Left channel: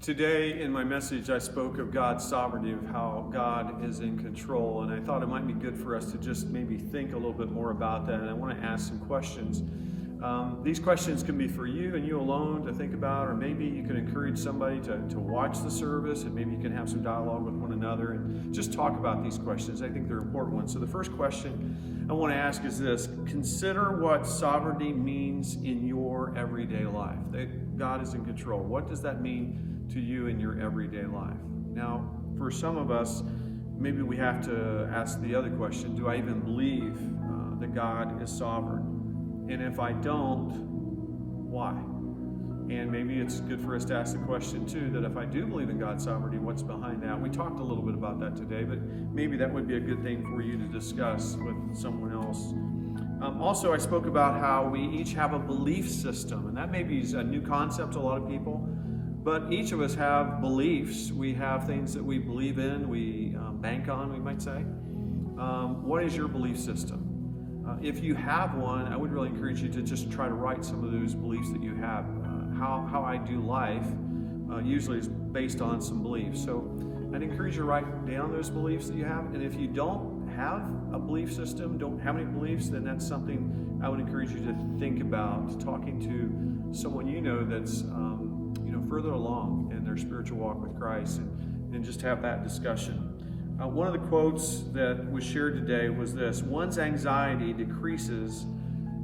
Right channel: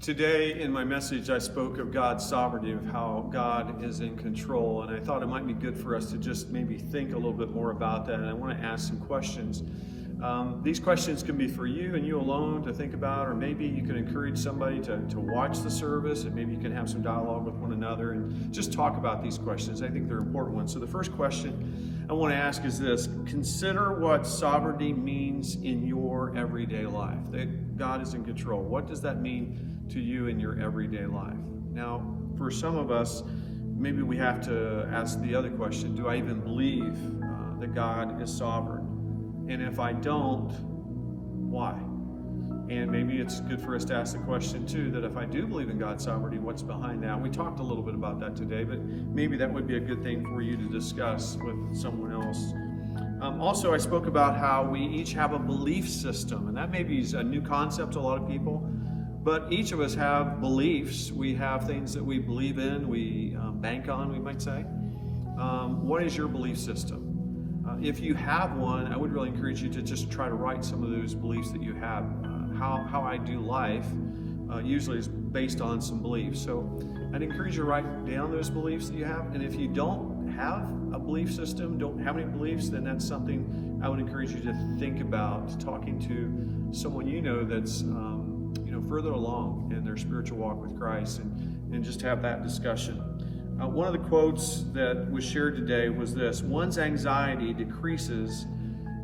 Today in my message, I spoke of God's sovereignty, of how God is in control, and I thought it might be good for us to just maybe think a little bit more about that, and I want to ask some questions. These questions can be for you and you alone to think about, or maybe you can encourage somebody to watch the service, and maybe you can have some dialogue with one another and just talk about these questions. I think they're important ones. So the first question I want to ask is this: consider what sovereignty means in your everyday life. That God is in control. What does that mean to you in your everyday life? Now, for some of us, maybe we have to ask the other question: do I even believe that God is sovereign? And if I don't, why? And maybe it's good for us to ask the question too, that if I do believe in God's sovereignty, what's behind that? We talked a little bit about that today, but maybe that would be a good thing for you to discuss with someone else. Also, I spoke about how we each have a belief system, and that maybe is a new concept to a lot of people, but each of us have beliefs. We have things that we believe in, we bank on, we might say. What is your belief system? If you have one, I would really encourage you to just try to write some of those beliefs that you have. How I do life usually is based on some beliefs. So I'd encourage you to write down those beliefs that you have. And if you don't have a belief system, don't have any beliefs, then that's something I would encourage you to think about, talking to someone you know that's further along in their spiritual walk with Christ, and just have that discussion. One of the quotes that was shared today was this: one's anxiety decreases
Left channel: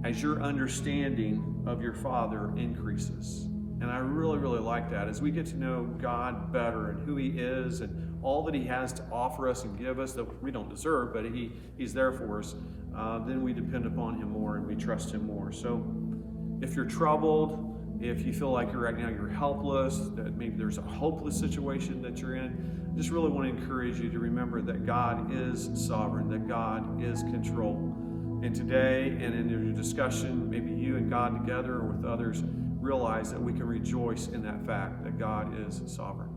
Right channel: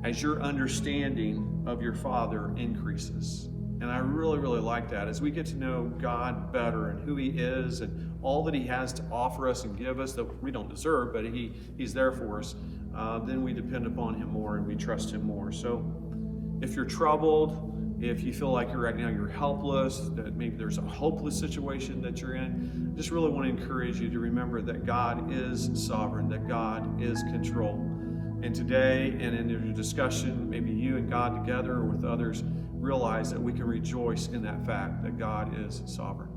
as your understanding of your Father increases. And I really, really like that. As we get to know God better and who He is and all that He has to offer us and give us that we don't deserve, but He's there for us, then we depend upon Him more and we trust Him more. So if you're troubled, if you feel like right now you're helpless, that maybe there's a hopeless situation that you're in, I just really want to encourage you to remember that God is sovereign, that God is control. And today and in your discussion, maybe you and God together or with others, realize that we can rejoice in that fact that God is sovereign.